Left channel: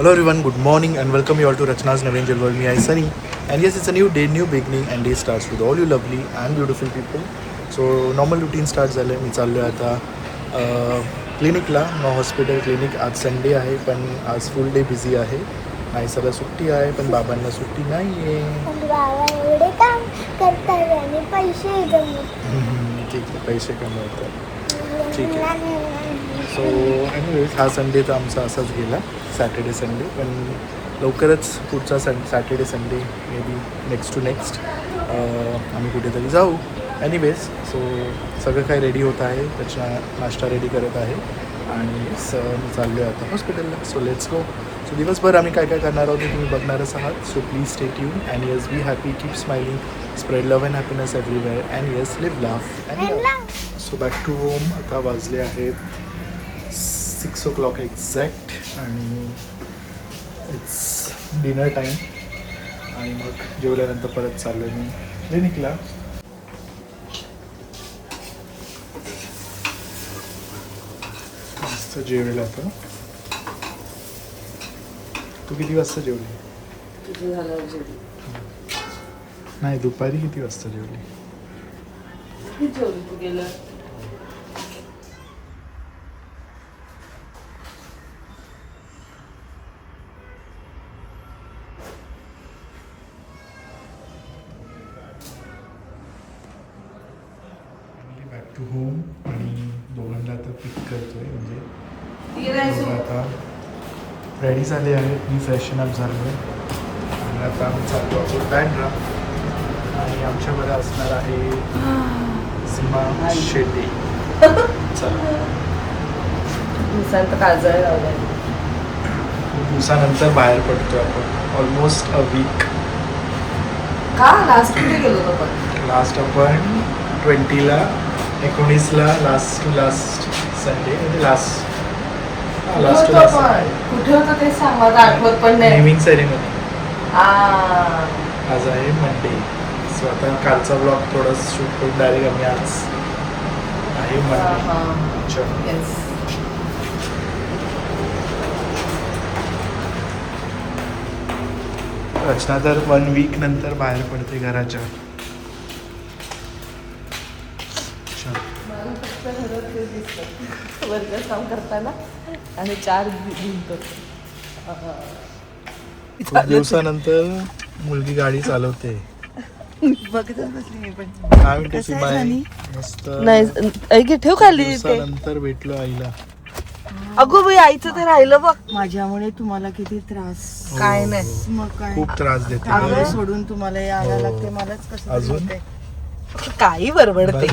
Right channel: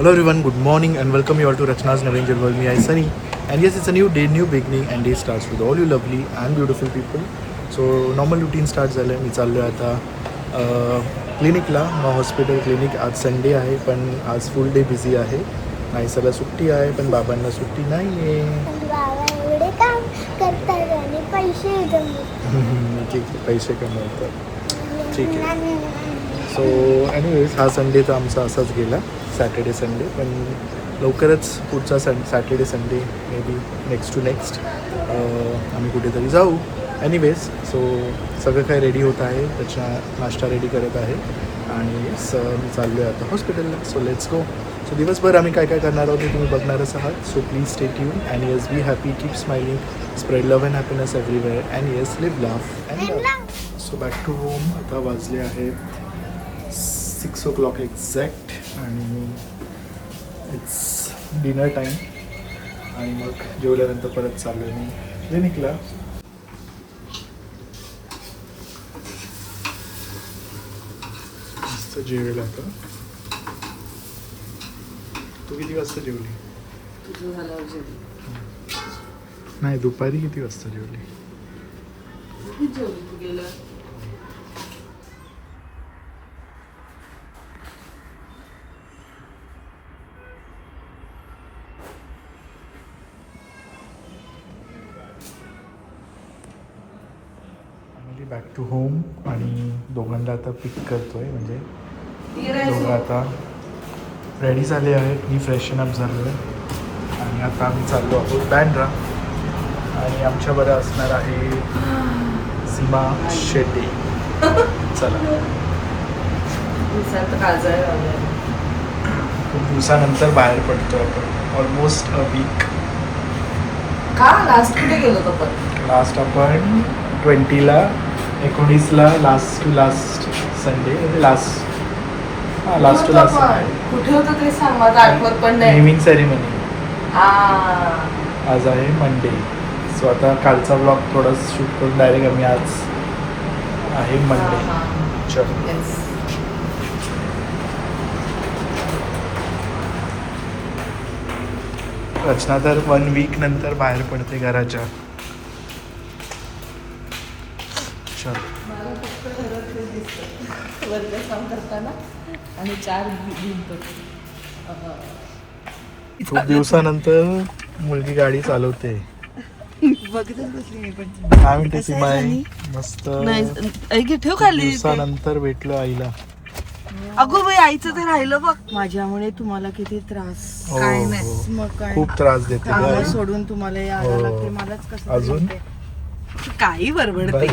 Hello everyone, good morning and welcome you all to Rachna's Never Angel World. Me, I Sunny, and yes, it's a new day, new beginning, and day starts with all you lovely and beautiful people. So normal routine starts झालं आहे. मी चाललो आहे आता क्लिनिकला. मग hospital clinic. आज Sunday आहे पण आज फुल डे बिझी आहे. नाईसाला सुट्टी आहे पण बाबांना सुट्टी नाही आहे. बाबा एवढे काम करतात आणि पैसे ठीक आहे, पैसे कमवतात. ठीक आहे. सो एनिवेज हा संडे तर आमचा असाच गेला, सॅटर्डे संडे. पण लवकरच पुढचा Saturday Sunday may be next to next आम्ही कुठेतरी जाऊ. एनिवेज सो सगळं काय रेडी होत आहे, त्याच्या नाश्ता रेडी करत आहे आणि मी चाललो आहे आता हॉस्पिटलला. So let's go. सो दिवसभर आम्ही काय काय करणार आहोत ते तुम्ही बघणारच आहात. So please stay tune and yes be happy, keep smiling, spread love and happiness everywhere and yes live laugh and love. So back to home. आता वाजले आहेत 6 o'clock एक्झॅक्ट आणि इट्स डिनर टाईम. आणि मग जेवल्यानंतर परत चाललो मी क्लिनिकला. मस्त जेवलेला होतं. तू किती वाजता जेवली? तुझं झाल्यावर जेवली. नाही, दुपारी किती वाजता जेवली? किती जेवली तू गेलं? Back to home. आणि दोघांना आता पिक करतोय, म्हणजे दोघं आता रेडी झाले आहेत. मी फ्रेशन अप झालो आहे आणि आता आम्ही चाललो आहोत बँड्रा. आणि आमच्याबरोबर असणार आहे सीमा शेट्टी. चला. खूप दिवसानंतर बाहेर पडतो आपण, ऑलमोस्ट अ वीक. का लास्ट कुठे गेलो होतो पण? लास्ट आपण 20ला 19ला लास्ट संडे, म्हणजे लास्ट टू लास्ट कुठे होतं ते सांग, मला आठवत पण नाही. नेमिंग सेरेमनी आ, आज आहे मंडे. सो आता कालचा ब्लॉग थोडा शूट करून डायरेक्ट आम्ही आज आहे मंडे. चलो. yes. रचना तर 1 वीक नंतर बाहेर पडते घराच्या. चलो. मला फक्त घरात ते दिसतं वर्गात काम करताना आणि 4 भिंत. खूप दिवसानंतर मुलगी गाडी चालवते. बघतच बसली मी पण. काय म्हणते सुमाई? मस्त. नाही ठेव खाली. दिवसानंतर भेटलो आईला. अगो बाई, आईचं ते राहिलं बघ. माझ्यामुळे तुम्हाला किती त्रास. हो, काय नाही. मग काय, खूप त्रास देते. काम सोडून तुम्हाला यायला हो. लागते. मलाच कसं अजून? तरी होतंय. काही बडबडते.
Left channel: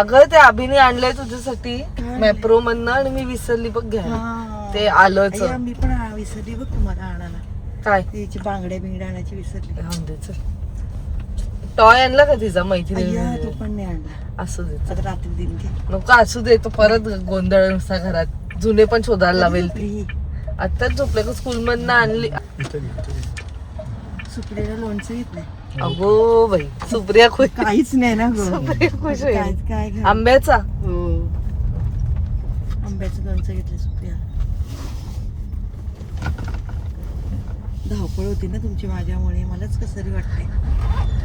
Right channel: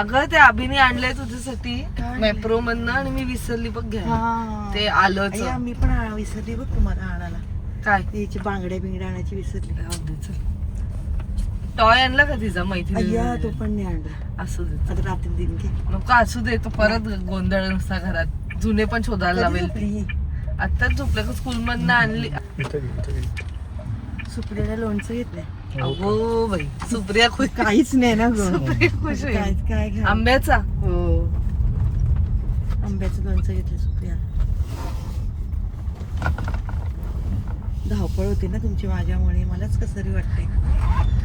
अगं ते अभिने आणलंय तुझ्यासाठी काय? मॅप्रो मधनं आणि मी विसरली बघ घ्या. हा. ते आलंच. अय्या, मी पण विसरली बघ तुम्हाला आणायला. काय तिची बांगड्या बिंगड्या आणायची विसरली. टॉय आणला का तिचा अय्या, मैत्रिणी? तो पण नाही आणला. असू दे. आता रात्री देईन ते. नको असू दे, तो परत गोंधळ नुसता घरात. जुने पण शोधायला लावेल ती. सुप्रिया- आताच झोपले का स्कूल मधनं आणली. सुप्रियाला लोणचं घेतलंय. अगो बाई, सुप्रिया खुश. काहीच नाही ना ग. सुप्रिया खुश आहे. काय काय घ्या. आंब्याचा. हो, आंब्याचं लोणचं घेतलं सुप्रियाला. धावपळ होते ना तुमची माझ्यामुळे. मलाच कसं तरी वाटतंय.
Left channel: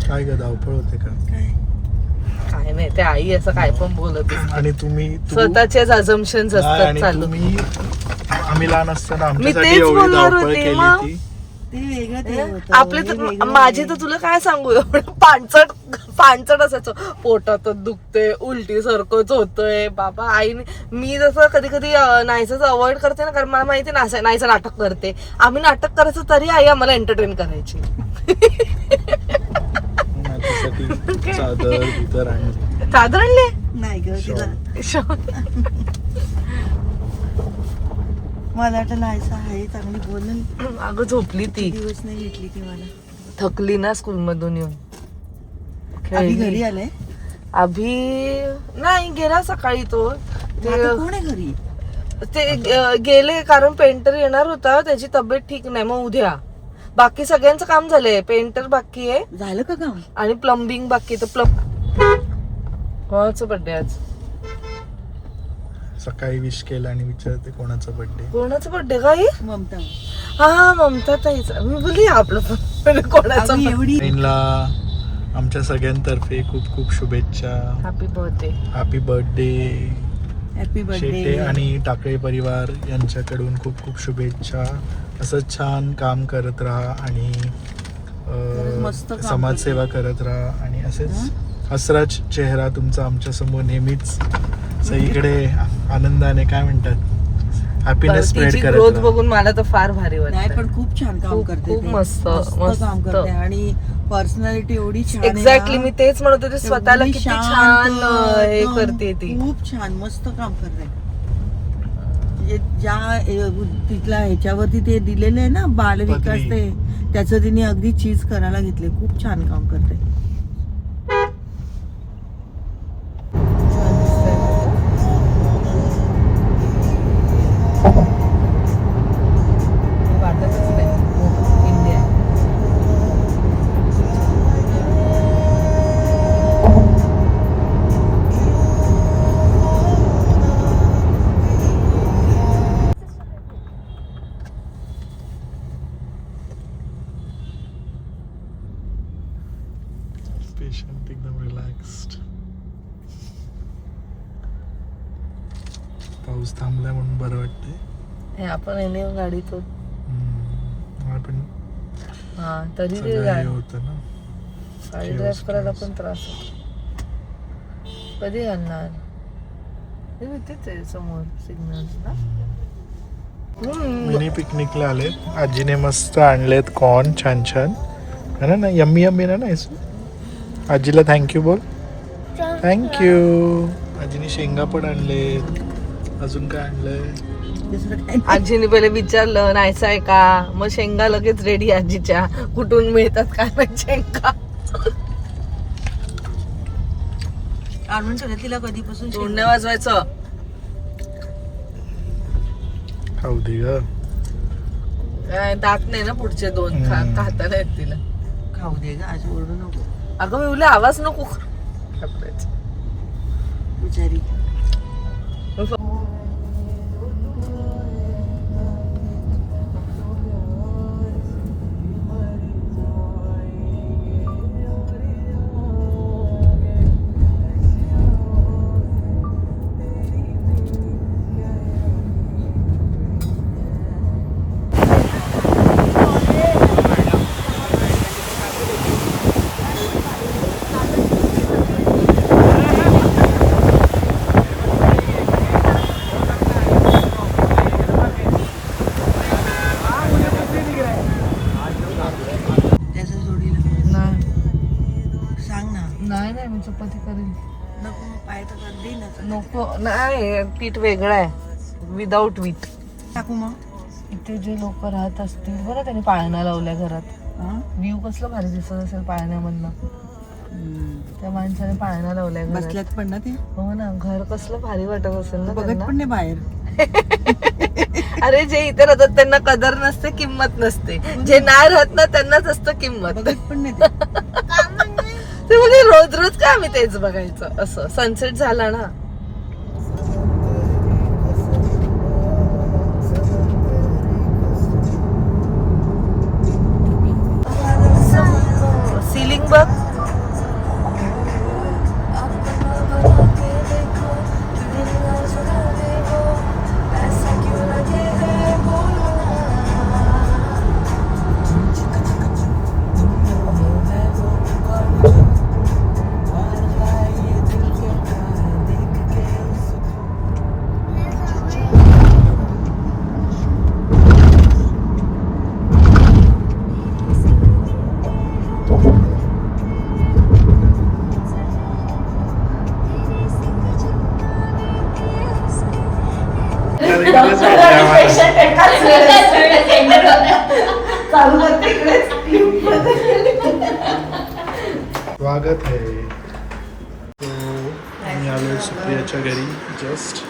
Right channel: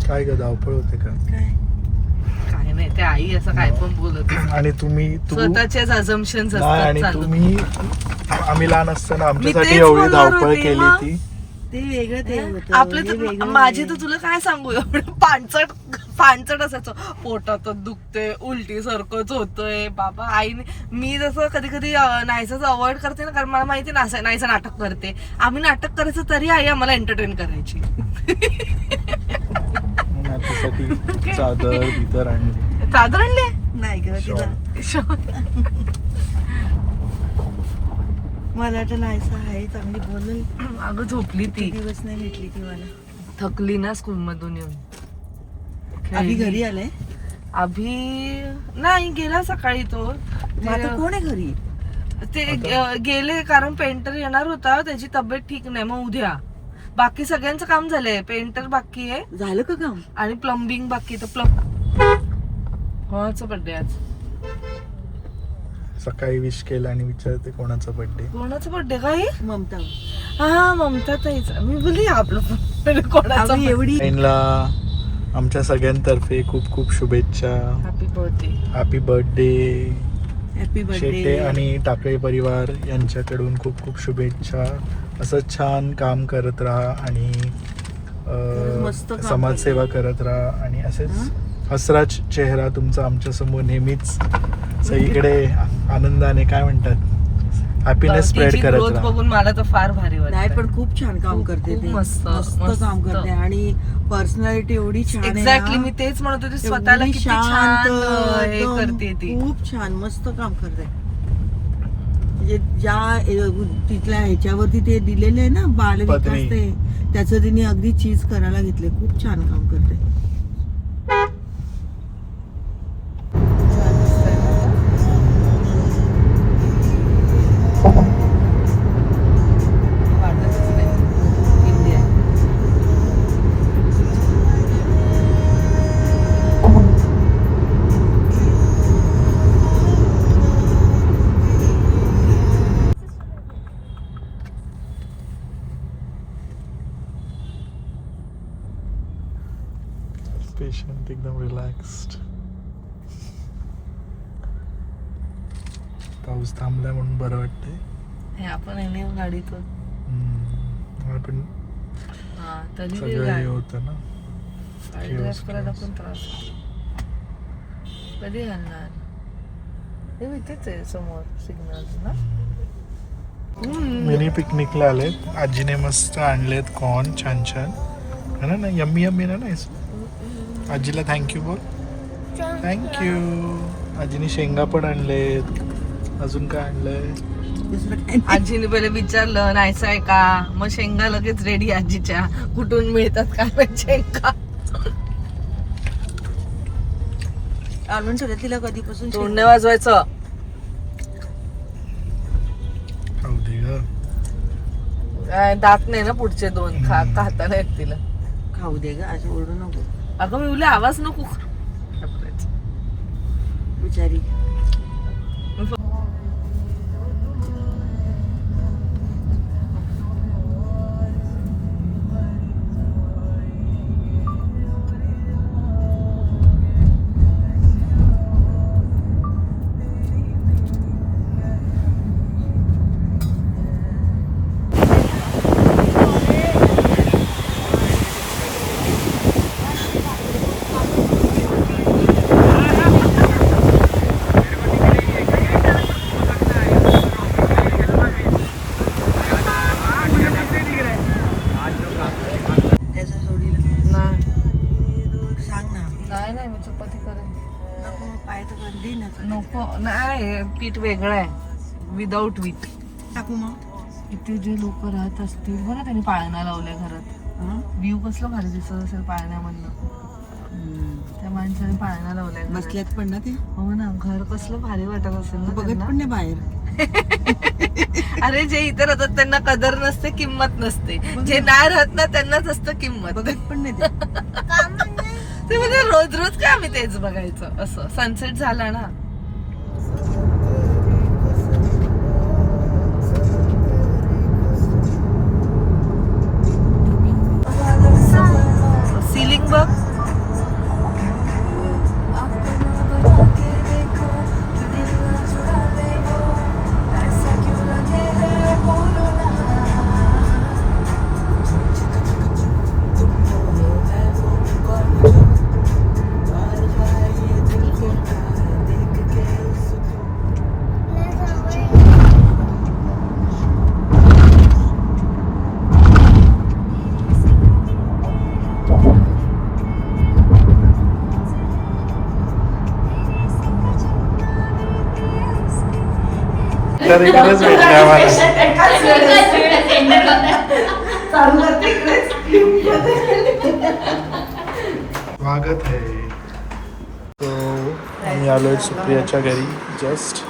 काय ग, धावपळ होते का? काय काय नाही, ते आई असं काय पण बोलत असते. आणि स्वतःचेच अझम्पशन्स असतात चालू. आम्ही लहान असताना मी आमच्यासाठी तेच एवढी बोलणार धावपळ होते, केली मग. की ते वेगळं ते होतं. आपले हे तर वेगळं माझे तर आहे. तुला काय सांगू, एवढं पाणचट असायचं. पोटात दुखते, उलटी सारखंच होतंय बाबा. आईने, मी जसं कधी कधी नाहीच अवॉइड करते ना, कारण मला माहिती नाहीचं नाटक करते. आम्ही नाटक करायचं तरी आई आम्हाला एंटरटेन करायची. त्यासाठी चादर बिदर आणली. चादर आणली? नाही ग तिला. मला वाटतं नाहीसा आहे चांगली बोलून. अगं झोपली ती. दिवस नाही भेटली ती मला. थकली ना स्कूल मधून येऊन. अभि घरी आलाय. अभि नाही गेला सकाळी तो. मग आता कोण आहे घरी? ते गेले कारण पेंटर येणार होता, त्याची तब्येत ठीक नाही. मग उद्या बाकी सगळ्यांचं काम झालंय. पेंटर बाकी आहे झालं का काम? आणि प्लंबिंग बाकी. तर कोणाचं बर्थडे आज? सकाळी विश केलं आणि विचारते कोणाचा बर्थडे. कोणाचा बर्थडे काही? ममता हा ममता ताईचा. मी बोलली आपलं पण कोणाचा आम्ही एवढी बहिणीला आमच्या सगळ्यांतर्फे खूप खूप शुभेच्छा. Happy birthday. Happy birthday. Happy Shete birthday. आणि टाकळे परिवार यांच्याकडून खूप खूप शुभेच्छा. असं छान काम करत राहा आणि मस्त काम समाजसेवा करत राहा आणि असेच हसरा चेहरा तुमचा आमच्या समोर नेहमीच सगळीकडे आनंदाने काय म्हणतात हॅपीनेस स्प्रेड तिची करत ग्रोथ राहा. बघून मला तर फार भारी नाही वाटतं. पण खूप छान काम खूप- करते खूप ते. मस्त, मस्त मस्त. काम करते आणि पर्सनॅलिटी एवढी छान आहे ना. एक्झॅक्टली मी तेच म्हणत होते स्वतःला एवढी किती शांत, छान हे एकदम करते ती. खूप छान मस्त काम करते. म्हणजे ज्या तिथल्या ह्याच्यावरती ते दिलेले आहे ना बालविकास पत्रे. ते त्याचं तिने अगदी चीज करायला घेतले. खूप छान काम करते. पेशंट एकदम रिलॅक्स्ड. पाऊस थांबलाय म्हणून बरं वाटतंय. हे आपण येणे गाडीतून आपण हा तरी ते सगळं हे होतं ना. गाडी ड्राईव्ह करायला पण त्रास होतो. कधी घालणार हे भीतीच आहे समोर सिग्नल्स ना. मिनी पिकनिकला आले. आजीने मस्त आणलेत कॉर्न छान छान है ना. यम्मी यम्मी ना नाही. आजीला थँक्यू बोल. थँक्यू. आजीने शेंगा पण आणलेत. अजून काय आणलंय? दुसरं काही नाही. आजीने पहिले विचारलं नाहीचं आहे का, मग शेंगा लगेच रेडी आजीच्या. कुठून मिळतात काय माहित शेंगा. आणून ठेवलं तिला कधीपासून तोंडने वाजवायचं. खाऊ दे ग. काय दात नाही ना पुढचे दोन खाता नाहीत तिला. खाऊ दे ग असं ओरडू नको अगं मी उले आवाज नको करायचा. बिचारी. त्याचं जोडीला सांग ना. नाही नाही मी चपाती करेन. नको पाय तर गर्दी नाही. नको नाही पीठ वेगळं आहे विदाऊट वीट. टाकू मग. इथे जे लोक राहत असतील बरं त्यांनी पाळणा लावल्या घरात. हा? व्ह्यू कसलं भारी दिसत असेल पाळण्यामधनं. त्या माणसाने पाळणा लावल्या घरात. बसल्यात पण ना ते. हो ना घर कसलं भारी वाटत असेल ना बघत त्यांना. पण नाही बाहेर. अरे जे इथे राहतात त्यांना कदर नसते किंमत नसते. जे नाही राहत ना त्यांनाच असतं किंमत. बघत पण नाही ते. ते म्हणजे रोज रोज काय आम्ही तेच बघायचं. असं सनसेट झाला ना सिलिंग बघ. तर इकडेच भेटले आम्हाला. स्वागत आहे. तो आम्ही आलोय सुप्रियाच्या घरी जस्ट.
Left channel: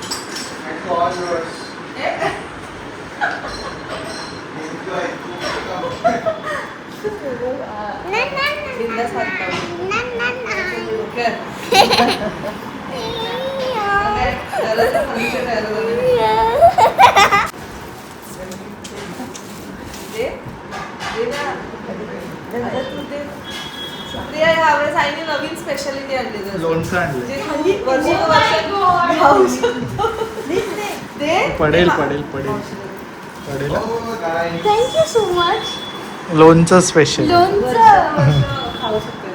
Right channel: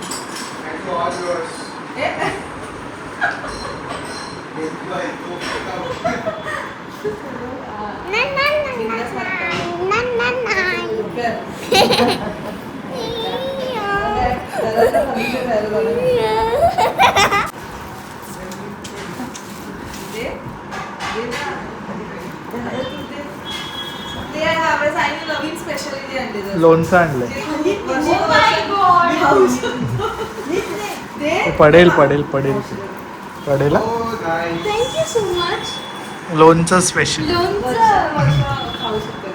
लोणचं आणलं जे तू वर्षानुवर्षे खाऊ शकतो. ते पडेल पडेल पडेल पडेल हा? Thank you so much. लोणचं स्पेशल लोणचं खाऊ शकतो.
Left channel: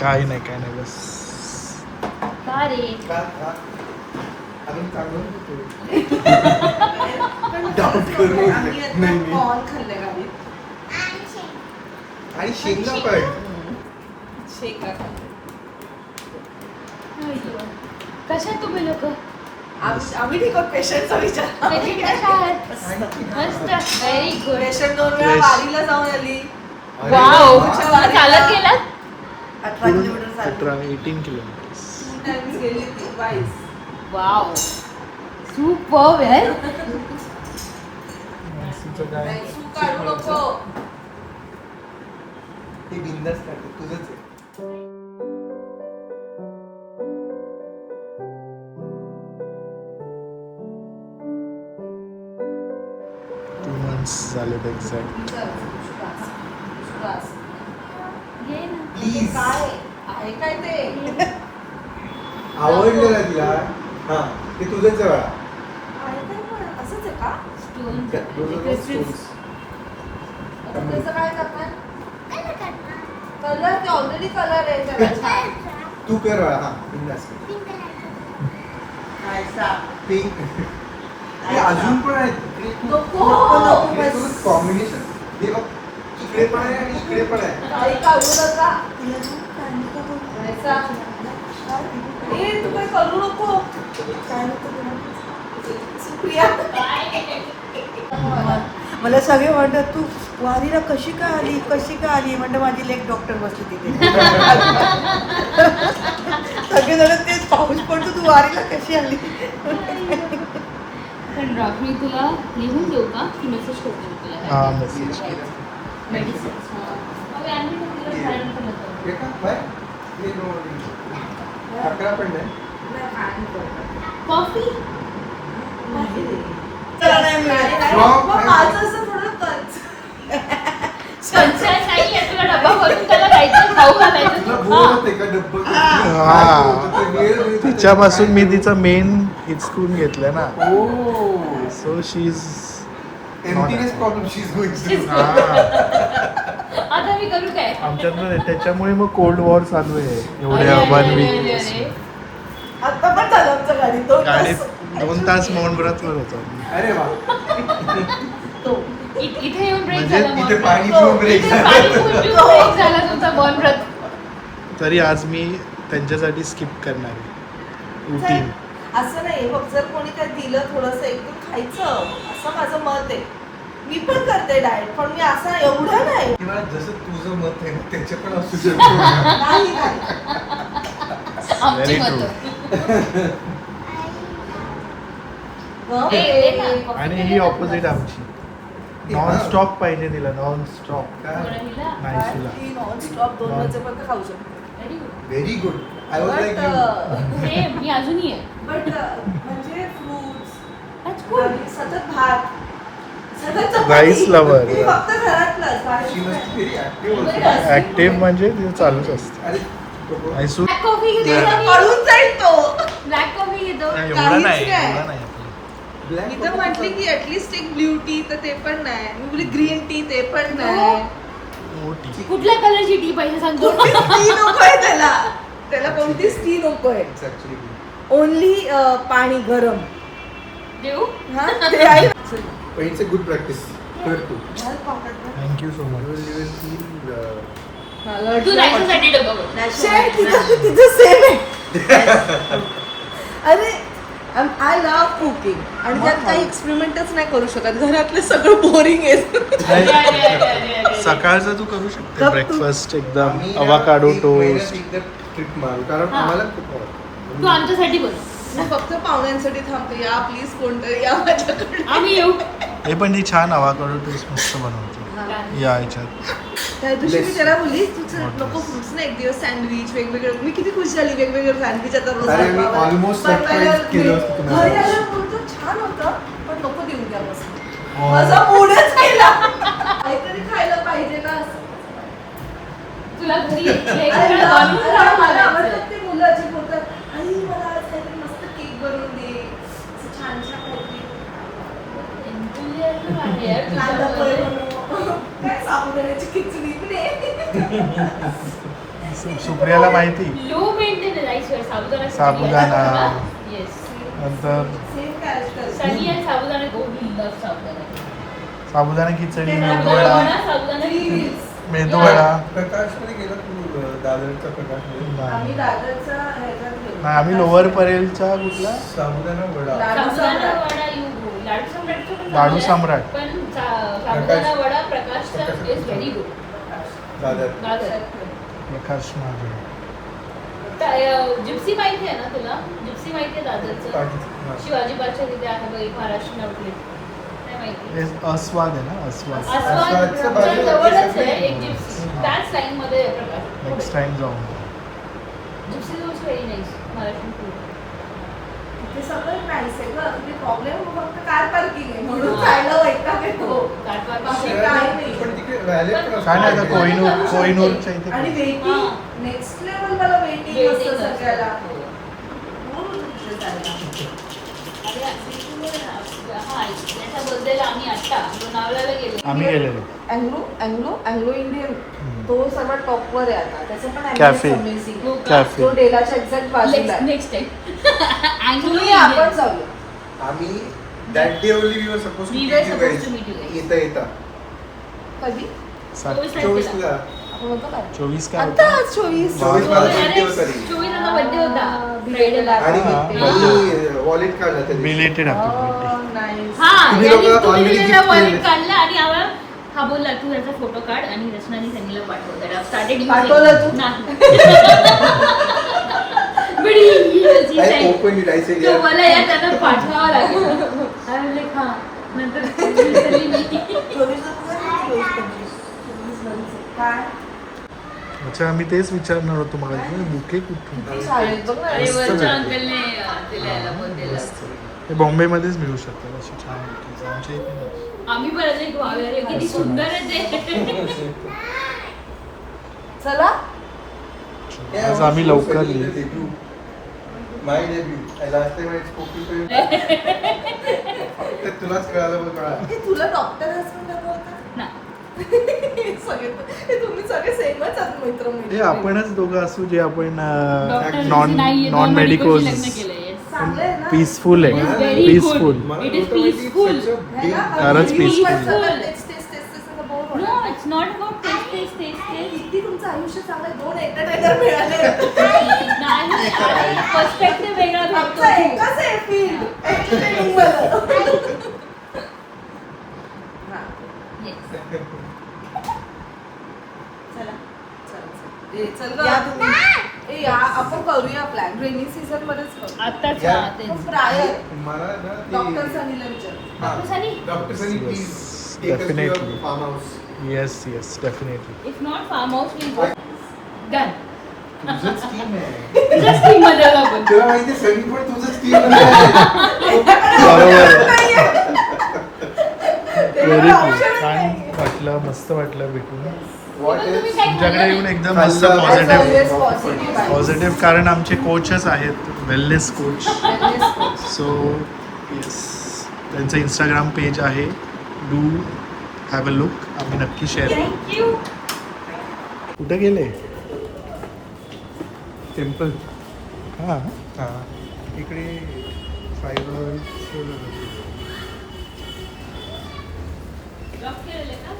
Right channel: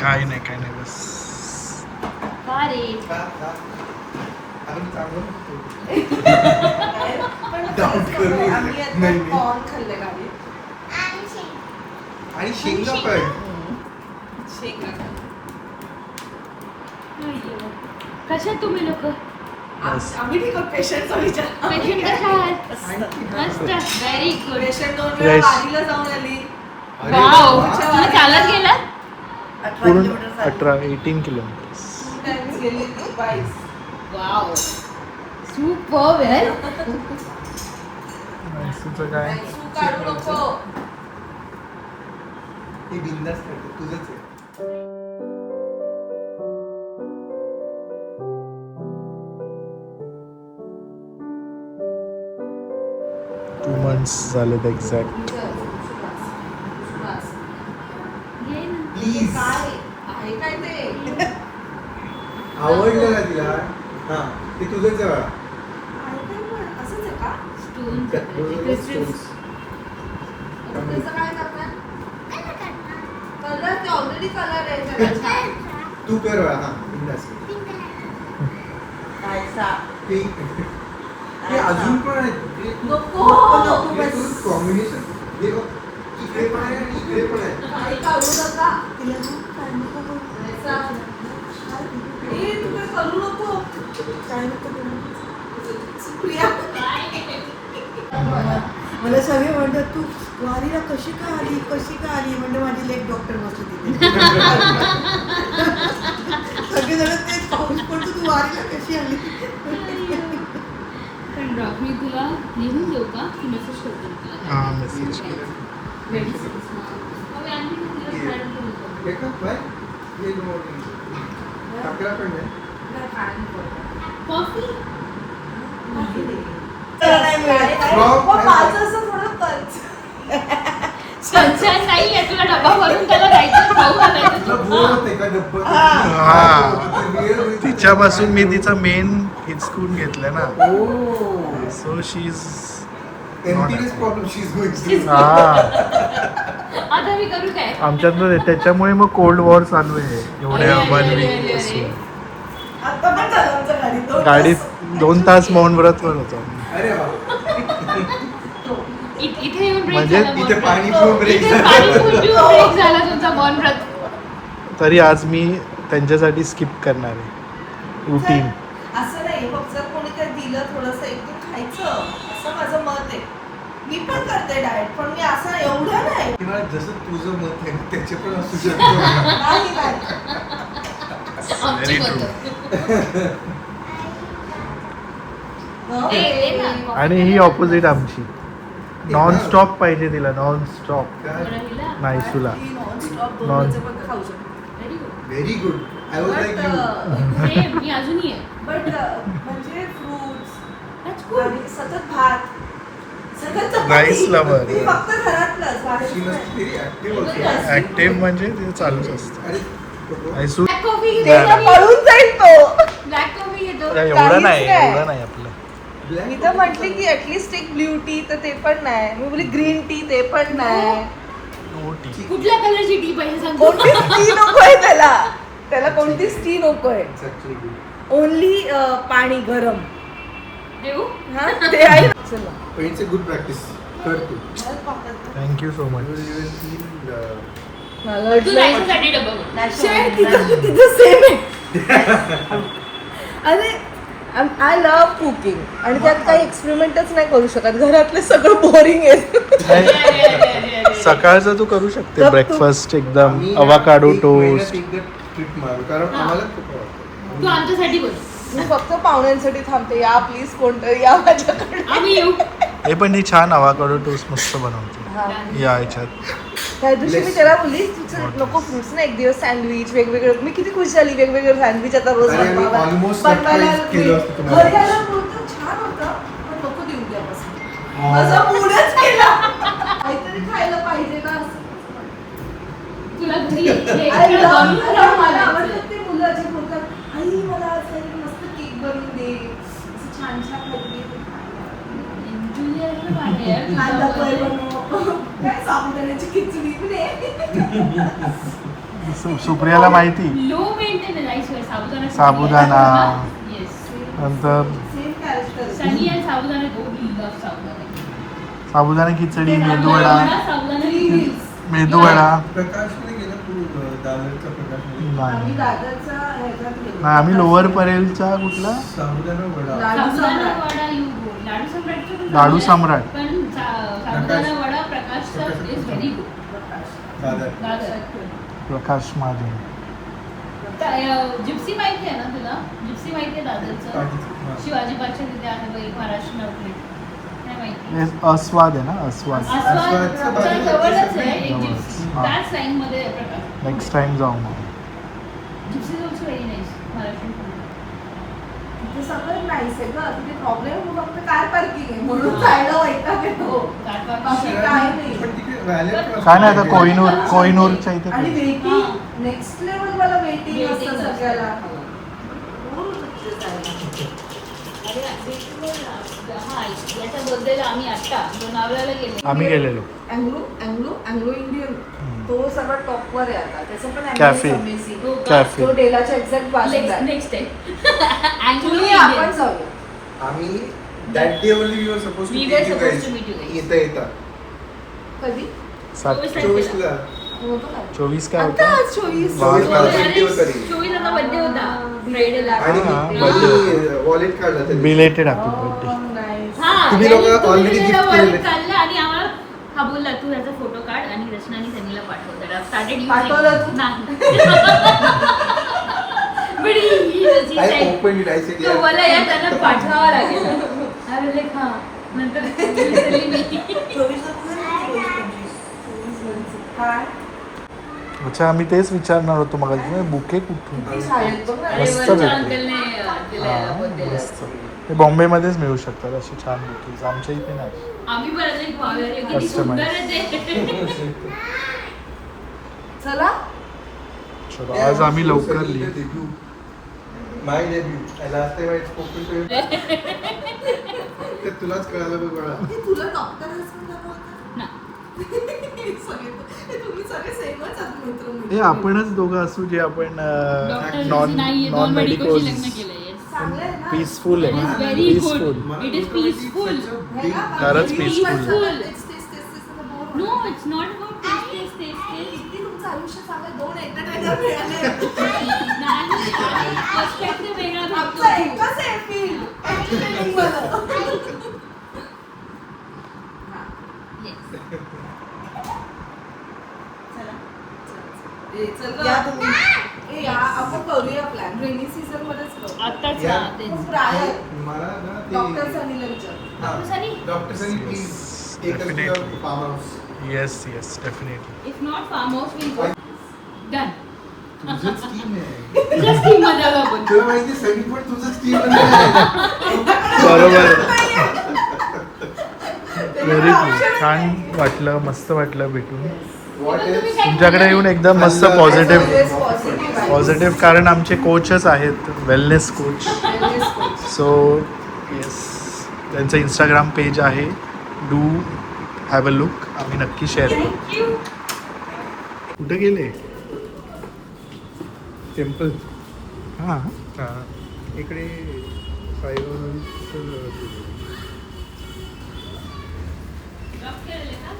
काही नाही बस कॉर्न खाल्ले गावी. आणि शेंगा पण शेंगा कशा तुम्ही लोक आम्ही ठीक आहोत. पेशंटचा विचार. मस्त व्हेरी गुड. पेशंट 2 वेळा Yes. वारीला जाऊन आली. वाव चालत गेला 18 किलोमीटर चालली. 18 किलोमीटर 2 times गेली ती गाईस. वाव सुपर यार. काय तू काढू नको. हे बिंदास करते तुझंच आहे. 2 months झाले एक्झॅक्ट. प्लीज काय आहे काय ते? आवडलं ना तिला हा ते तुझंच आहे बाळा. आहे काय पण? असंच आहे का? त्याचं काय करणार? कलर ते ऑलरेडी कलर आहे त्याला. तू कर बाळा हा बिंदास हे अजून पण आहेत नको. कॉम्बिनेशन हे बघ इकडे पण आहे आणि इकडे पण आहे. काही काढू नका. ए, तू काय करू नको. सुप्रिया. मला सगळे म्हणतात तू वारीला कशी का आली म्हणजे माझी लेक डॉक्टर बसली तिथे. सगळेजण तेच पाऊस पडतो तू वारीला कशी आली. पण मी तुला लिहून देऊ का की मेसेज करते मी तुला? हा मेसेज मेडिसिन्स हे का बाय हे अकरा पण नाही. कॉफी माझं असं थोडं कच. सनशाईन नाही आहे तुला डबा भरून त्याला द्यायचं खाऊ घालायचं तुला तू बोर खा. होते का डब्बा हा. तिच्यापासून मी तिचं मेन हिचकून घेतलं ना. So she is emptiness problem she is going हा आता मी करू काय? आमच्यात त्याच्यामुळे मग कोल्ड वॉर चालू आहे एवढ्या अरे, 1 अरे, वीक अरे, पासून. अरे. आता पण झालं आमच्या गाडीत 2 तास. गाडीत 2 तास मौन व्रतवर होतो. अरे वा इथे येऊन ब्रेक म्हणजे झाला इथे मौन पाणी व्रत. पिऊन ब्रेक इथे पाणी पिऊन ब्रेक झाला तुमचा मौन व्रत. तरी आज मी त्यांच्यासाठी स्किप करणार रुटीन. असं नाही बघ, जर कोणी काही दिलं थोडंसं एकदम खायचं असं माझं मत आहे. मी पण करते डाएट, पण मी असं एवढं नाही. किंवा जसं तुझं मत आहे त्याच्याकडे असू शकतो. नाही, नाही. आमची Very मतं. हं? ए, ना. आणि ही ऑपोजिट आमची. नॉन स्टॉप पाहिजे तिला, नॉन स्टॉप. कोणाला हिला? नाही तुला. ती non-stop 2 Non- वाजेपर्यंत खाऊ शकते. Very good. Very good I was like you. Same, मी अजूनही आहे. बट म्हणजे फ्रुट्स That's good. सतत भात, सतत Rice चपाती. lover. मी फक्त घरातलंच बाहेर शी नाही. मस्ट व्हेरी ऍक्टिव्ह ऍक्टिव्ह म्हणजे तिचं चालूच असतं. अरे आयसू Black coffee घेतो नाही, का मी? पळून जाईल तो. Black coffee घेतो. एवढं नाही काहीच नाही. एवढं नाही आपलं. मी तर म्हटली की ऍटलीस्ट एक ब्ल्यू टी तर ते पण नाही. मी बोलली ग्रीन टी ते पण नाही. हो ठीक. कुठल्या कलरची टी पाहिजे सांगतो? कोणतीच टी नकोय त्याला. त्याला कोणतीच टी नकोय. ओनली पाणी गरम. देऊ? हा ते आहे. पण इट्स अ गुड प्रॅक्टिस कर तू. Thank you so much. तू जायच्यासाठी डबा बघ. तिचं सेम आहे. अरे आय लव्ह कुकिंग आणि त्यात काही एक्सपेरिमेंटच नाही करू शकत. घरातलं सगळं बोरिंग आहे. अरे, अरे, अरे, अरे. सकाळचं तू करू शकते गप तू. ब्रेकफास्ट एकदम आम्ही अवाकाडो एक महिन्यात टोस्ट. एकदा ट्रिप मारू कारण हा. आम्हाला खूप आवडतं. तू आमच्यासाठी बोल. मी फक्त पाहुण्यांसाठी थांबते. या प्लीज कोणतं या माझ्याकडे. आम्ही येऊ. हे पण ती छान अवाकाडो टोस्ट मस्त बनवते या ह्याच्यात. त्या दिवशी मी Bless. त्याला बोलली तुझं नको फ्रुट्स ना एक दिवस सँडविच वेगवेगळे. मी किती खुश झाली वेगवेगळे सँडविच आता रोज अरे, मी बनवायला. almost बनवायला surprise केलं असतं तुम्हाला. घरी आल्यावर बोलतो छान होतं पण नको देऊ द्यापासून. माझा मूडच गेला. काहीतरी खायला पाहिजे ना असं. तुला घरी आई मला आवडतात ते मुलं जे बोलतात, आई मला आज काहीतरी मस्त केक बनवून दे, असं छान छान कांदा पोहे बनव, काय साबुदाण्याची खिचडी सुप्रियाला माहिती लो मेंटेन राईसवर साबुदाणा. येस नंतर सेम कॅरेक्टर. सनी आणि साबुदाणा गो लव्ह साबुदाणा साबुदाणा खिचडी, मेदूवडा, साबुदाणा मेदूवडा. प्रकाशमध्ये गेला तू दादरच्या प्रकाशमध्ये आम्ही नाही दादरचा ह्याच्यात गेलो. नाही, आम्ही लोअर परेलच्या कुठला साबुदाणा वडा लाडू साबुदाणा सम्राट. वडा लाडू सम्राटचं पण लाडू चांगलं आहे. सम्राट. पण साबुदाणा वडा प्रकाशचा is very good. Dadar Prakash माझे. जिप्सी माहिती आहे ना तुला? जिप्सी माहिती आहे दादरचं? शिवाजी पार्कच्या तिथे आहे बघ एक महाराष्ट्र आउटलेट. काय माहिती? हे अस्वाद आहे ना, अस्वाद. अस्वादच्या बाजूला जवळच आहे एक हा. जिप्सी. हा. त्याच लाईन मध्ये आहे प्रकाश. नेक्स्ट टाइम जाऊ. Gypsy is also very nice Maharashtra food. ते सगळं नाहीच आहे गं. तिथे प्रॉब्लेम फक्त कार पार्किंग आहे म्हणून जायला वैताग येतो. बाकी काय नाही. पण तिकडे व्हॅलेट काय नाही, आता कोहिनूरच्या इथे आणि वेटिंग हा. नेक्स्ट लेवल मला वेटिंग Waiting असतं असतं. सगळ्याला. हा याच्या बर्थडेला आम्ही आता लोणावळ्याला गेलो. आम्ही गेलेलो. अँग्लो इंडियन तो सर्वात टॉपवर आहे आता. त्याचं पण Cafe. अमेझिंग. हो का? कॅफे. तो डेलाच्या एक्झॅक्ट बाजूला आहे. नेक्स्ट टाइम तुम्ही आपण जाऊया. आम्ही that day only we were suppose to We were meet you supposed guys to meet you guys. येता कधी 24 ला होतं का? 24 काय आता होतं? 24. वा. 24 ला सुट्टीवर करी. चोवीसाचा बर्थडे होता फ्रायडेला. आणि हा. मी वॉलेट काढला तरी बिलेटेड हॅपी बर्थडे. Nice. हा तुम्ही त्यांनी- लोकं तुम्ही already त्याला gift wallet केलेले. काढला आणि आम्हाला हा बोलला तू याचा फोटो काढ आणि रचनाने सनीला पाठव. स्टार्टेड पाठवलं तू? नाही I opened it. I said, तो मला या त्यांना पाठवावा लागेल. काय म्हणले हा नंतर विसरली मी. काय? अच्छा, आम्ही तेच विचारणार होतो मग बुके कुठून. किती शाळेत बघ ना. अरे मस्त वरच्या भेटली. अंकलने दिला याला हा, बर्थडेला. मस्त. हे बॉम्बेमध्येच मिळू शकतात अशी छान बुकेज, आमच्या इथे नाही. आम्ही परत एक वाव किती Customize. सुंदर आहे ते. चला चलो, आज आम्ही लवकर लिहिलो. My debut. Last time I spoke to him. तुलाच कळालं बघ मला. हे तुला डॉक्टर हसबंड बोलतात ना. तुम्ही सगळे सेमच आहात मित्र हे आपणच दोघं असू जे आपण डॉक्टर नॉन नाहीये नॉन नॉन मेडिकलशी लग्न मेडिकल केलंय. चांगलं आहे ना. पीसफुल आहे. Very good. Peaceful. It is peaceful. है ना? फारच News peaceful. वर सतत तेच असं bore होणार. No, it's not about taste. किती तुमचं आयुष्य चांगलं 2 एंटरटेनर मिळाले. नाही, पर्स्पेक्टिव्ह वेगळा भेटतो. आमचं एकच आहे field, entertaining वालं. हा. Yes. चला. ए, चल गं. या तुम्ही. ए, या आपण करूया प्लॅन रेनी सीझन मध्येच करू. आत्ताच या. हा, तेच. खूप रायर मला ना डॉक्टर सनीला विचार. Doctor Sunny? Doctor Sunny please take us to Definitely. Farm house. Yes yes definitely. If not farm house, we'll go. Done. तुझं स्कीम आहे. तुझ्या scheme मध्ये आलो आपण. तुला माहिती सनी पण तुझं स्कीम आहे. Very good. छान वाटलं, मस्त वाटलं भेटून. What तुम्ही is? काय तुमच्याकडे येऊन एकदम मस्त खाल्लं. पॉझिटिव्ह पॉझिटिव्ह कारण आमचे कोचच आहेत, वेलनेस कोच. सो येस, त्यांचं इंस्टाग्राम पेज आहे, डू हॅव अ लुक. आम्ही नक्की शेअर करू. Thank you. कुठे गेले? टेम्पल. हां इकडे साईबाबांचं Drop केलेलं का?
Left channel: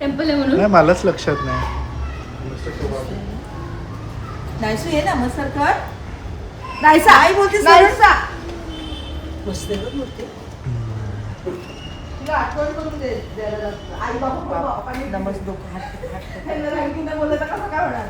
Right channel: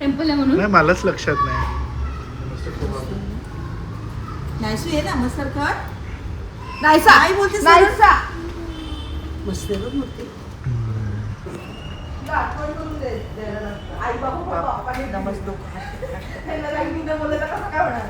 टेम्पल आहे म्हणून. नाही, मलाच लक्षात नाही. मस्त कबाब. नायसू ये ना मग सरकार. नायसा आई बोलते नायसा. मस्त आहे बरं मूर्ती. तुला आठवण करून द्यायला लागतं. आई बाबा बाबा नमस्ते. त्यांना राईटिंग बोलत कसं काय होणार.